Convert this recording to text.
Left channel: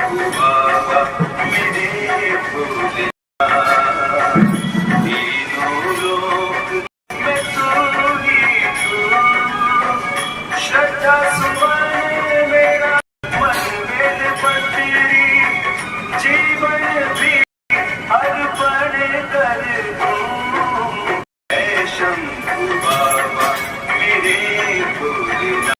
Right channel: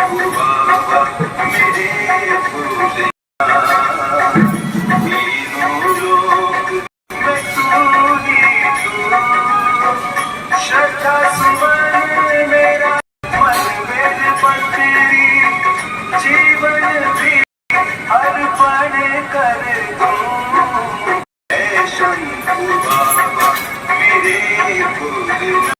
बाबा मेरे भोले तीनों लोक में तू ही तू श्रद्धा सुमन मेरा मन मेरे बंदरी जीवन भी अर्पण कर दूं। शंभु बाबा मेरे भोले